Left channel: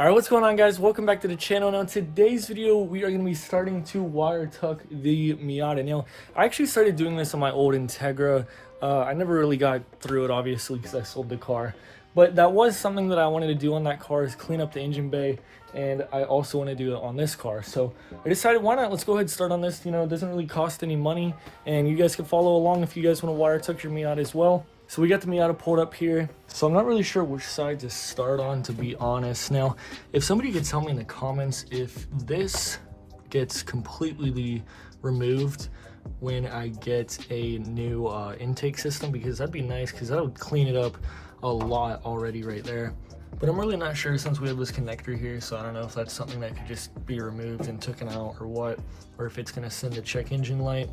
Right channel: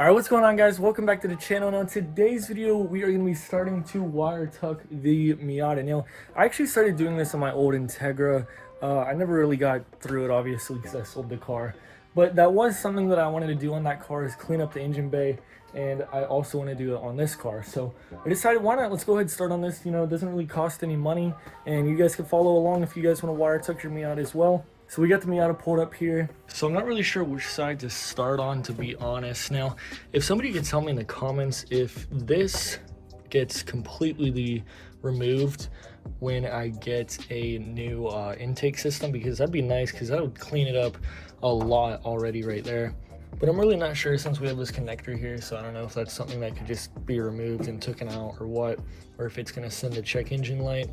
Alright, what's going on, guys? Welcome back to the channel. Now in today's video we are going to be starting to wire tuck the Miata. Now I actually started doing this on my old Integra. I never really got through it, obviously, because I sold the car, but that was something that I wanted to do on that car, is clean up the engine bay, and I also want to do it on this car. So I decided, why not, let's go ahead and start on this. You know, it doesn't really cost any money, and you guys can follow along if you guys want to wire tuck your Miata as well. So we got the Miata pulled up here. So I'm not really sure which side to start on, to be honest. Now, if somebody could tell me in the comments if this gets completely removed when I get a new intake system, because that'd be nice, because that would clean it up a lot already right there. But I'm really not sure, since we have this connector here, so I don't know if that's something that could just be removed and taken out or what, or if it's gonna send a check engine light.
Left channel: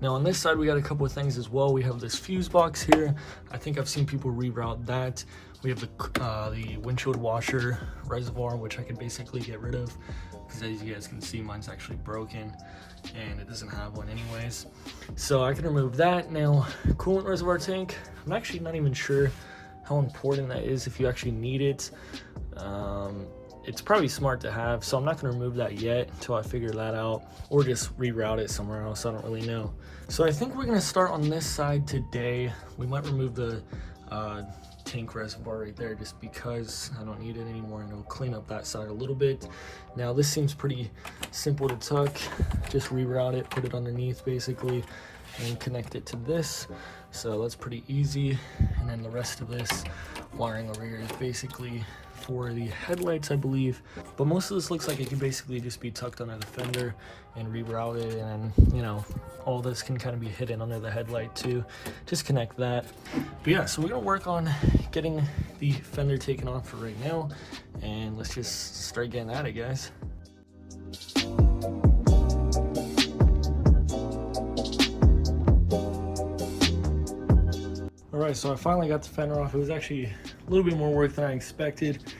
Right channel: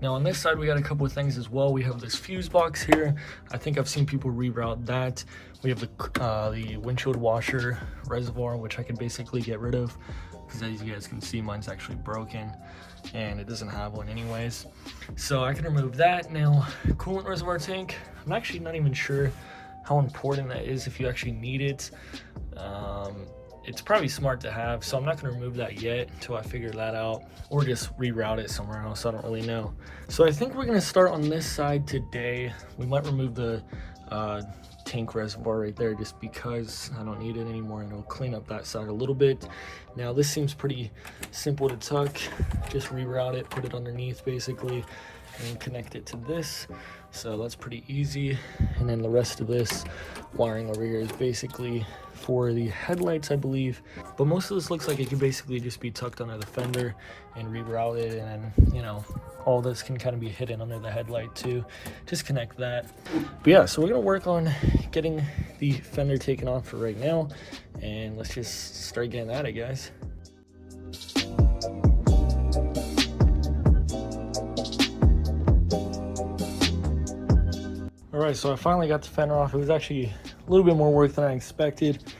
Now on this side, we got a couple of things as well. We have this fuse box here. I think I've seen people reroute that. We have the windshield washer reservoir, which I could basically get rid of, because as you guys can see, mine's actually broken and it doesn't have one anyways. So I can remove that. Now, coolant reservoir tank, I'm actually not even sure how important that is, if you actually need it. It's probably smart to have, so I'm not going to remove that yet until I figure that out, or just reroute it somewhere else. I don't really know. So I think we're going to start on this side today. We might remove the tank reservoir right there, just because I don't need it anymore, and it'll clean up that side a little bit. Now this seems pretty simple to tuck. Just reroute it, put it underneath basically, and connect it to this. So that's pretty easy. And then the rest of this wiring over here is basically for the headlights, I believe, but most of this looks like it could basically just be tucked under the fender and rerouted, and then, you know, all this can kind of be hidden under the headlight too. Just connect that. But yeah, so we're gonna work on getting the fender taken off for right now, and let's just start getting at it, guys. All right, so I finally got the fender off. It was actually a little bit more work than I expected.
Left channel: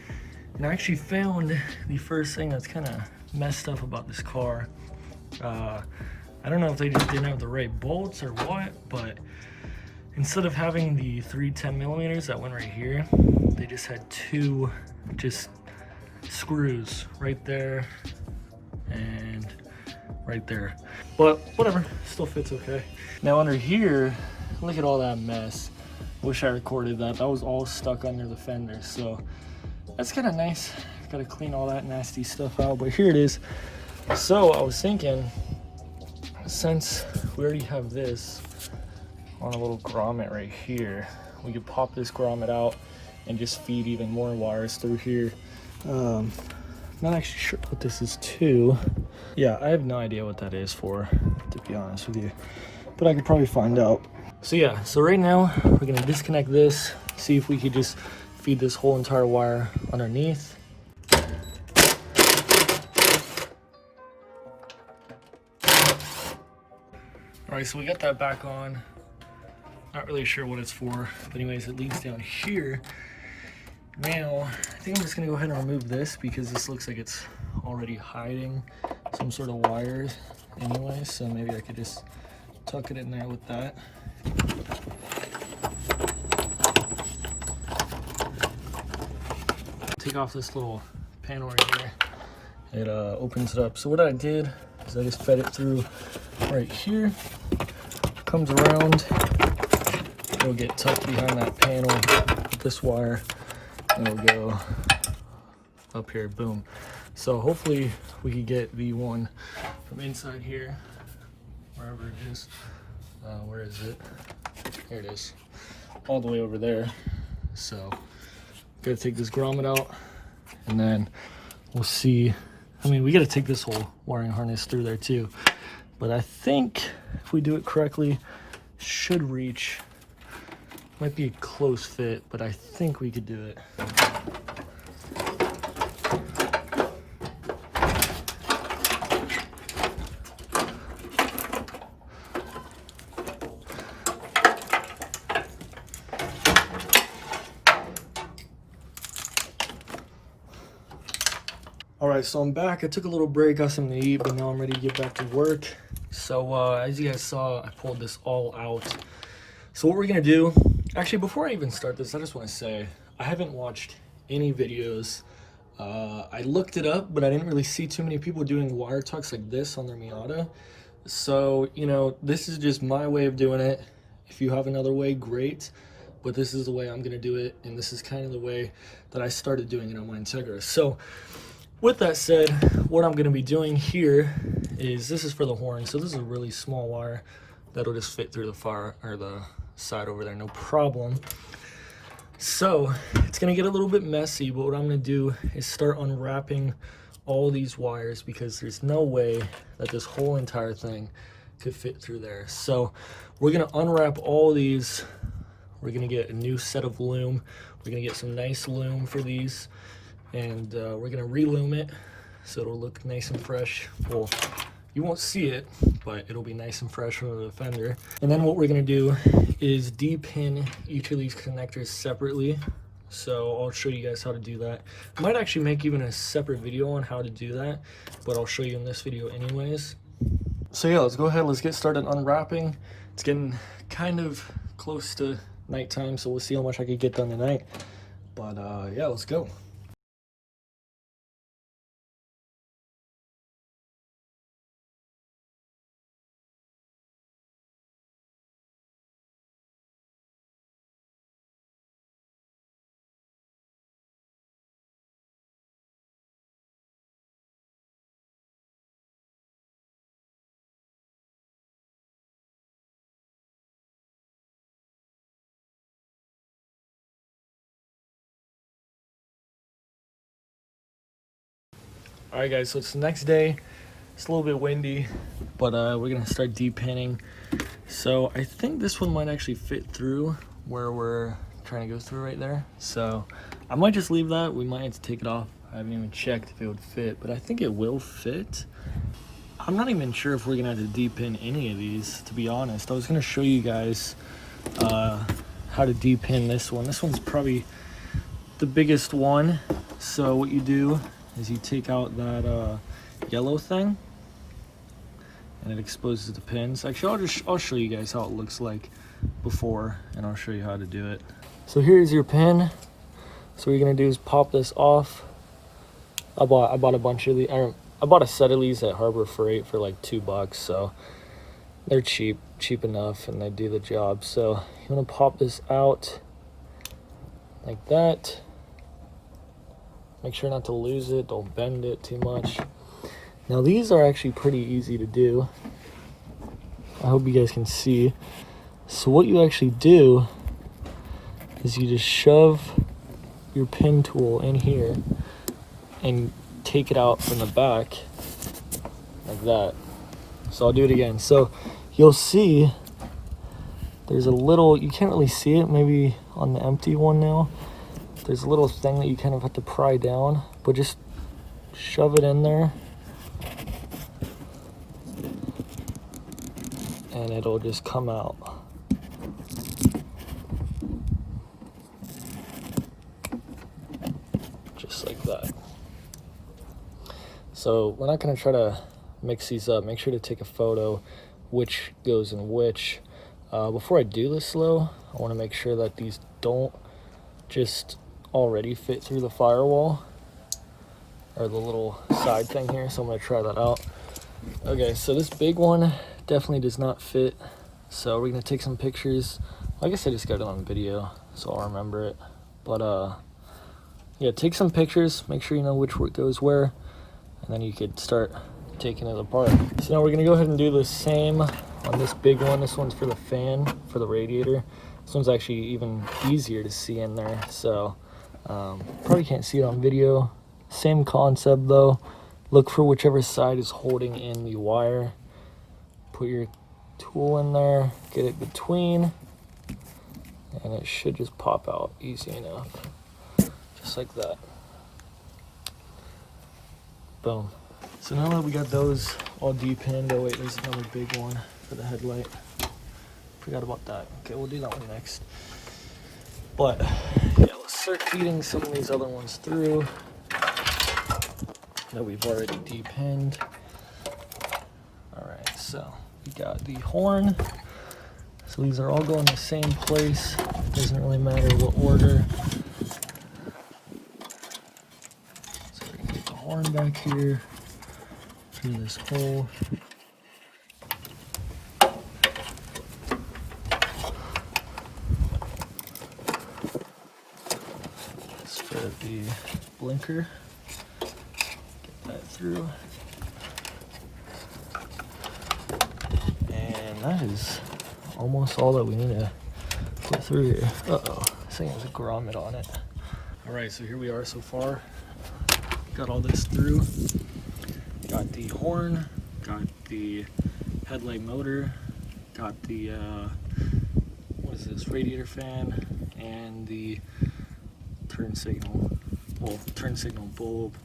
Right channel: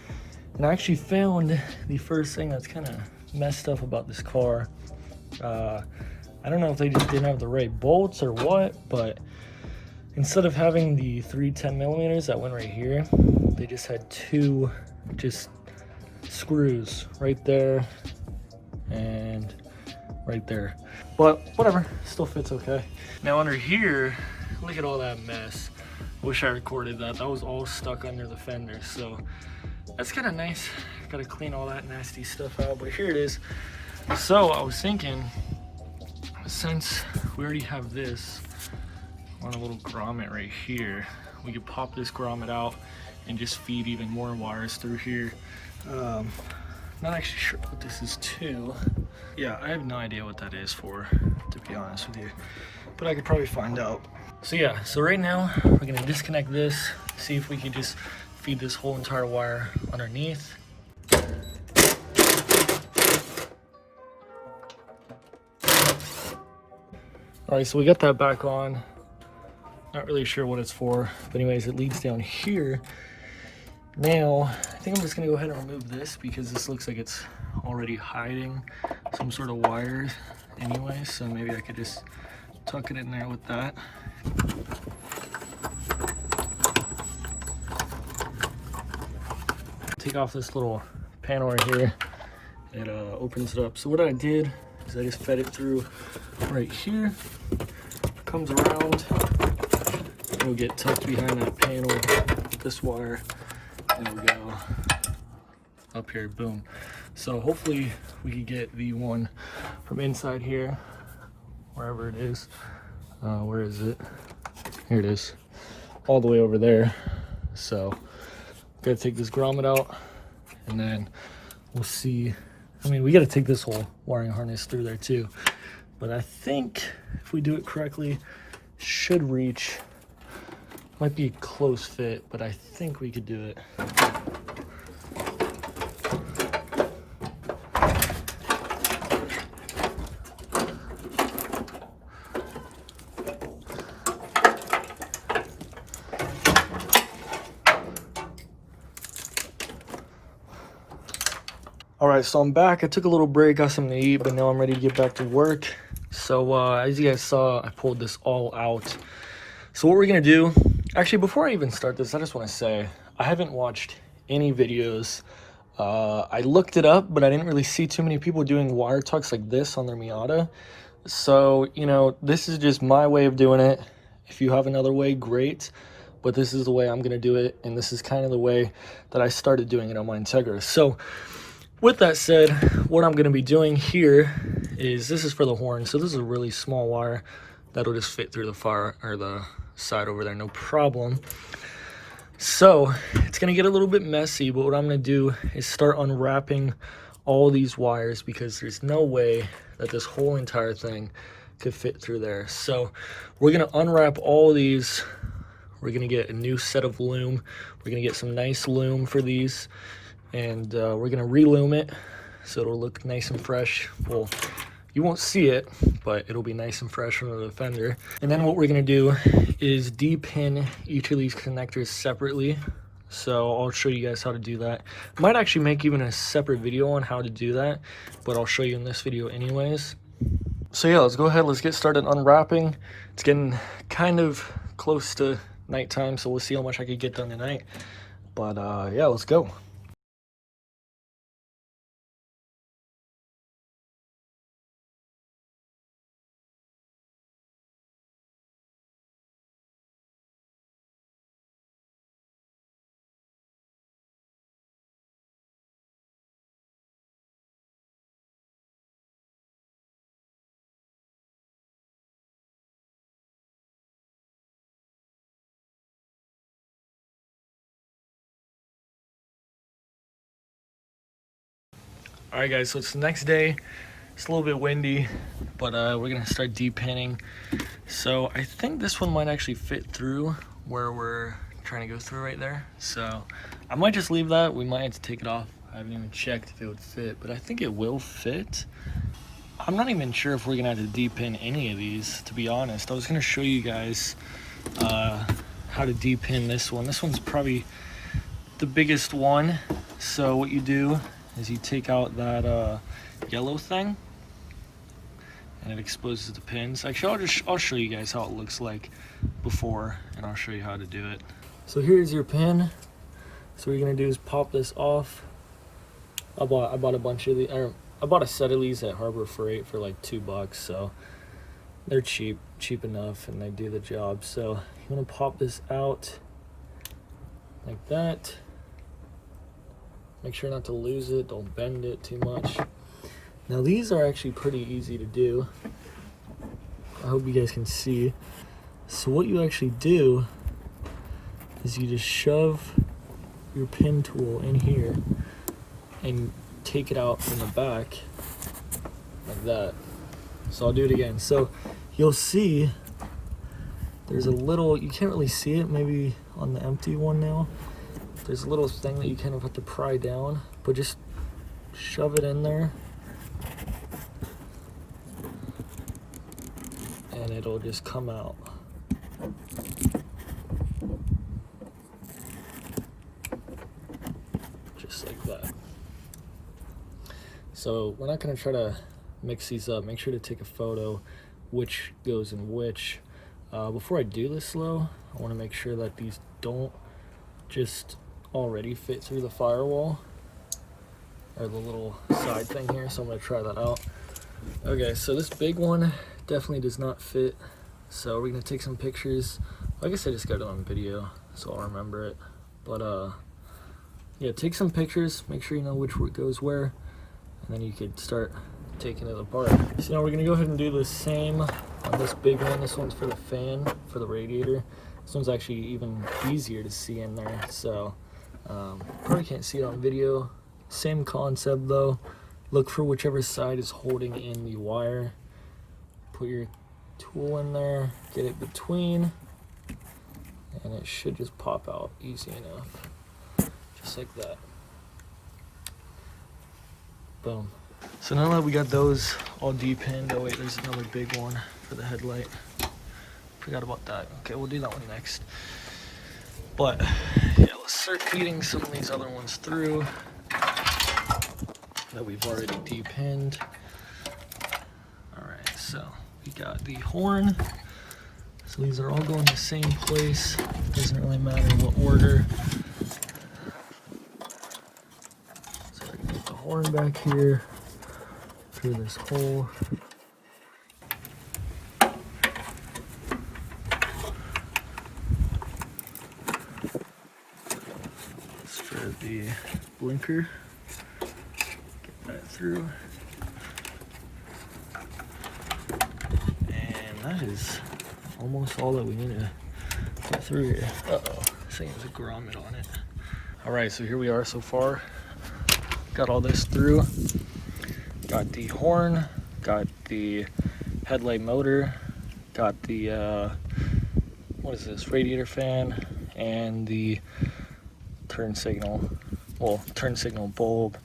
And I actually found the first thing that's kind of messed up about this car. I don't know if they just didn't have the right bolts or what, but instead of having the 3 10mm that went right here, they just had two just screws right there and right there. But whatever, still fits okay. Now under here, look at all that mess. Wish I recorded that. That was all stuck under the fender, so that's kind of nice. Gotta clean all that nasty stuff out, but here it is. So I was thinking, since we already have this on a little grommet right here, we could pop this grommet out and just feed even more wires through here. Not actually sure what this is to. Yeah, I have no idea what that is for, to be honest with you, but I could probably find out. So yeah, so right now we're gonna disconnect this, see if we could just feed this whole entire wire underneath. All right, so we got that back on. Not really sure what it's for, but anyways, it leads down here. Now, I think I'm just gonna go ahead and remove this, because this looks like it's already hiding some sort of wires anyway, so maybe I could just tuck it in there with that. Take off this little panel right here. It opens it up. So what I did is I just fed it through right here. Comes around. It'll get tucked behind that panel with this wire, and it'll go up here. Boom. So hopefully we can get the one from inside here, wherever it is. Where is it? Here it is, all the way over there. So gotta take this grommet out, and then we'll see. I mean, we gotta take this whole wiring harness through there too, but I think if we do it correctly, should reach. Might be a close fit, but I think we could do it. All right, so I'm back. I took a little break, got something to eat, but now I'm ready to get back to work. So as you guys saw, I pulled this all out. So what we're gonna do, actually before I even start this, I just wanna say, I haven't watched any videos I looked it up, but I didn't really see too many people doing wire tucks like this on their Miata. So, you know, this is just my way of doing it. If you have another way, great. But this is the way I'm going to do it. And this is kind of the way that I started doing it on my Integra. So with that said, what I'm going to be doing here is, this is for the horn. So this is a really small wire that'll just fit through the fire or the side over there, no problem. So it's going to get a little bit messy, but what I'm going to do is start unwrapping all these wires, because there's no way that this whole entire thing could fit through there. So we're going to unwrap all these. We're going to get a new set of loom. We're going to get some nice loom for these, and we're going to reloom it so it'll look nice and fresh. Well, you won't see it, but it'll be nice and fresh from the fender. And then what we're going to do is depin each of these connectors separately. So I'll show you guys how to do that. I might actually make even a separate video on how to do that, but I'll show you in this video anyways. So yeah, let's go ahead, let's get started unwrapping. It's getting kind of close to nighttime, so we'll see how much I could get done tonight. But yeah, let's go. All right guys, so it's the next day. It's a little bit windy, but we're gonna start depinning. So I think this one might actually fit through where we're trying to go through right there. So I might just leave that. We might have to take it off. I haven't even checked if it would fit, but I think it will fit. I'm not even sure if we're gonna have to depin any of these, to be honest. I was gonna show you guys how to depin this one. This one's probably the biggest one. So what you do is you take out that yellow thing, and it exposes the pins. Actually, I'll show you guys how it looks like before, and I'll show you how to do it. So here's your pin. So what you're gonna do is pop this off. I bought a bunch of these. I bought a set of these at Harbor Freight for like $2, so they're cheap enough, and they do the job. So you want to pop this out like that. Make sure not to lose it, don't bend it too much. Now these are actually pretty easy to do. I hope you guys can see. So what you actually do is you just shove your pin tool in here and take it out from the back like that. So I'll do it again. So you'll see there's a little, you can't really see it maybe on the empty one now. There's a little thing that you kind of have to pry down, but just shove it in there and it'll just come out. Just like that. So we're not going to try to mix these up. Make sure to take a photo which goes in which. Before I do this though, I want to make sure that these don't just already fit through the firewall or the little side thing here, so I'm going to try that out. Okay, so this big one definitely does not fit, so we're going to take some pictures. I guess I just got it on video, so I'll remember it. But yeah, take some pictures, make sure you know which goes where, and then you could start taking it apart. So now we're going to go ahead and do the same on this big one. This one's for the fan, for the radiator. This one's actually even easier to see in there, so probably can't see it on video. Same concept though. Look for whichever side is holding in the wire. Put your tool in there, get it between, and it should just pop out easy enough. Just like that. Boom. So now that we got those all depinned, oh wait, there's another big one for the headlight. Forgot about that. Okay, we'll do that one next. But yeah, let's start feeding some of these other ones through that we've already depinned. All right, so we got the horn. So these are all going the same place. Doesn't really matter what order. horn back here through this hole. Start the blinker, get that through, and that is almost all that we need to get through here. Uh-oh, this thing has a grommet on it. All right, so here we are so far. Got all this through. Got the horn, got the headlight motor, got the, what is this, radiator fan, and the turn signal bulb,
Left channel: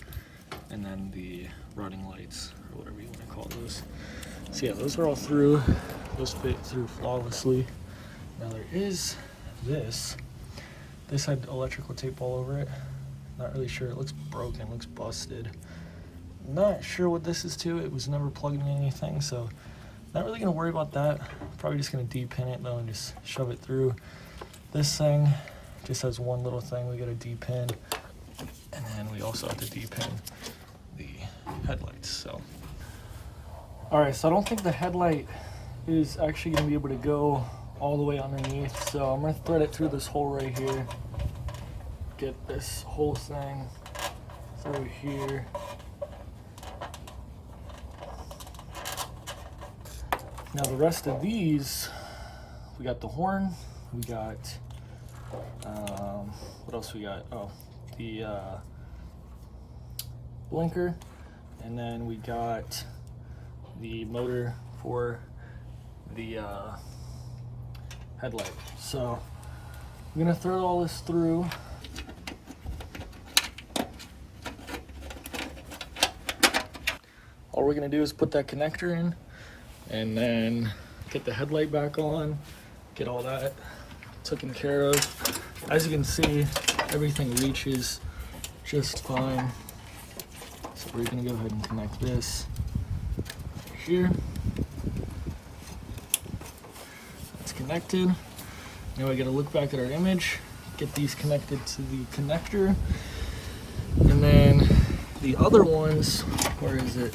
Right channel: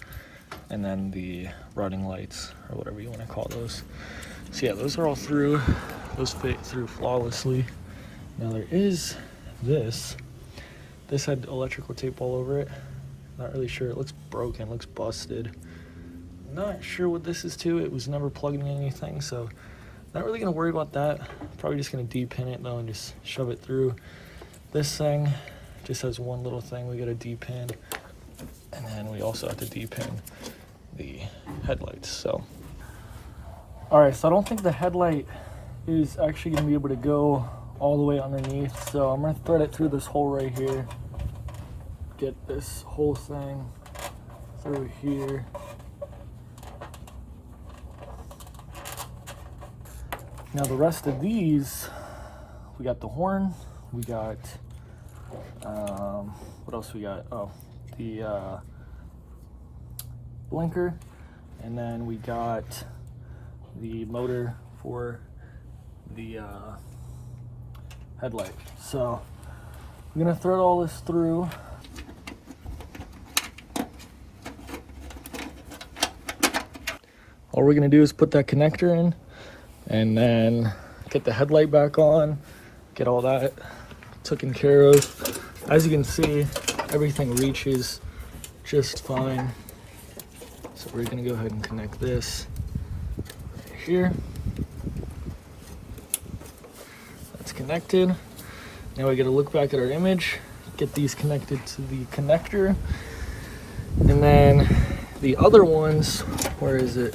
and then the running lights, or whatever you want to call those. So yeah, those are all through. Those fit through flawlessly. Now there is this. This had electrical tape all over it. Not really sure. It looks broken, looks busted. Not sure what this is to. It was never plugged in anything, so not really gonna worry about that. Probably just gonna depin it though and just shove it through. This thing just has one little thing we gotta depin, and then we also have to depin the headlights. So, all right. So I don't think the headlight is actually gonna be able to go all the way underneath. So I'm gonna thread it through this hole right here. Get this whole thing through here. Now the rest of these, we got the horn, we got, what else we got? Oh, the blinker, and then we got the motor for the headlight. So I'm gonna thread all this through. All we're gonna do is put that connector in, and then get the headlight back on, get all that taken care of. As you can see, everything reaches just fine. So we're gonna go ahead and connect this right here. That's connected. Now we gotta look back at our image, get these connected to the connector, and then the other ones, where is it?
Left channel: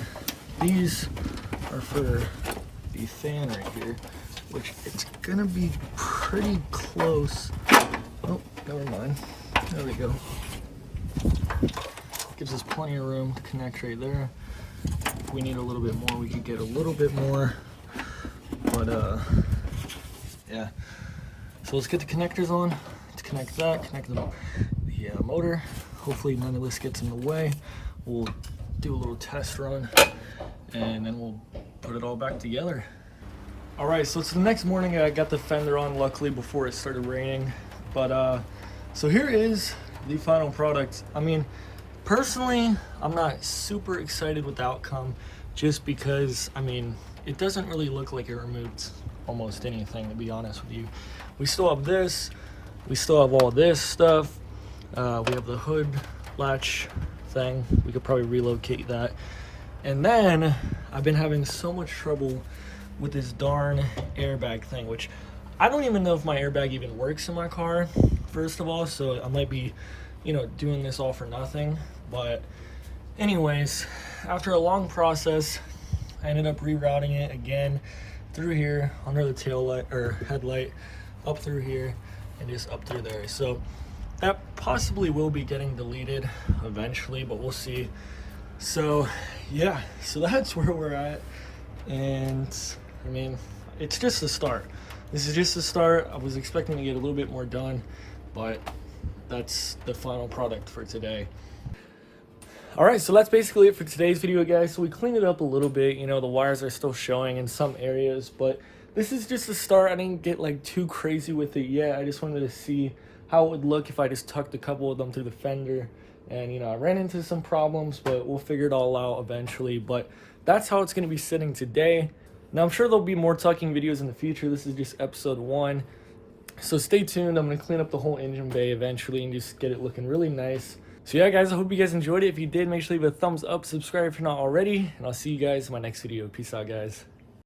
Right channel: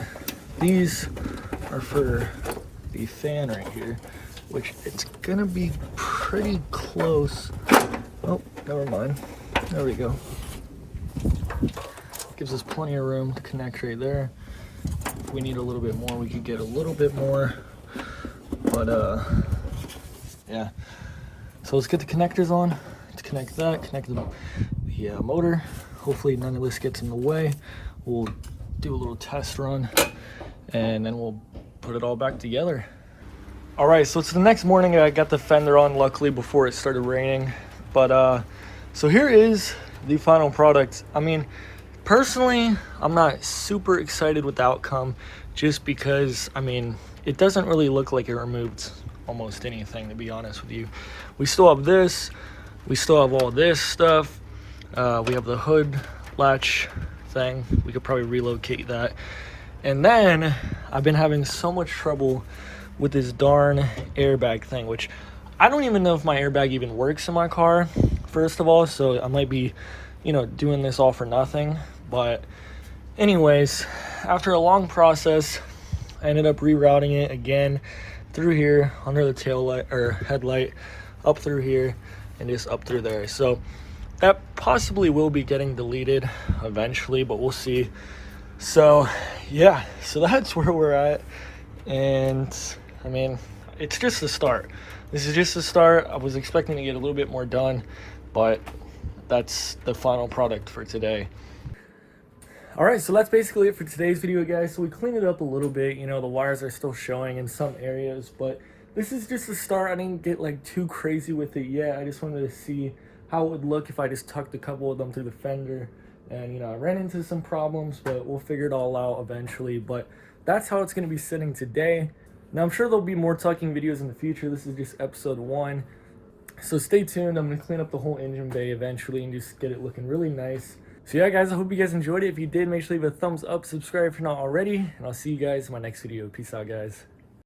These are for the fan right here, which it's gonna be pretty close. Oh, never mind. There we go. Gives us plenty of room to connect right there. If we need a little bit more, we could get a little bit more. But yeah. So let's get the connectors on. Let's connect that, connect the motor. Hopefully none of this gets in the way. We'll do a little test run, and then we'll put it all back together. All right, so it's the next morning. I got the fender on, luckily, before it started raining. But so here is the final product. I mean, personally, I'm not super excited with the outcome, just because, I mean, it doesn't really look like it removed almost anything, to be honest with you. We still have this, we still have all this stuff. We have the hood latch thing. We could probably relocate that. And then I've been having so much trouble with this darn airbag thing, which I don't even know if my airbag even works in my car, first of all. So I might be, you know, doing this all for nothing. But anyways, after a long process, I ended up rerouting it again through here under the tail light or headlight, up through here, and just up through there. So that possibly will be getting deleted eventually, but we'll see. So yeah, so that's where we're at. And I mean, it's just the start. This is just the start. I was expecting to get a little bit more done, but that's the final product for today. All right, so that's basically it for today's video, guys. So we cleaned it up a little bit. You know, the wires are still showing in some areas, but this is just the start. I didn't get like too crazy with it yet. I just wanted to see how it would look if I just tucked a couple of them through the fender. And, you know, I ran into some problems, but we'll figure it all out eventually. But that's how it's going to be sitting today. Now, I'm sure there'll be more tucking videos in the future. This is just episode 1. So stay tuned. I'm going to clean up the whole engine bay eventually and just get it looking really nice. So yeah, guys, I hope you guys enjoyed it. If you did, make sure to leave a thumbs up, subscribe if you're not already, and I'll see you guys in my next video. Peace out, guys.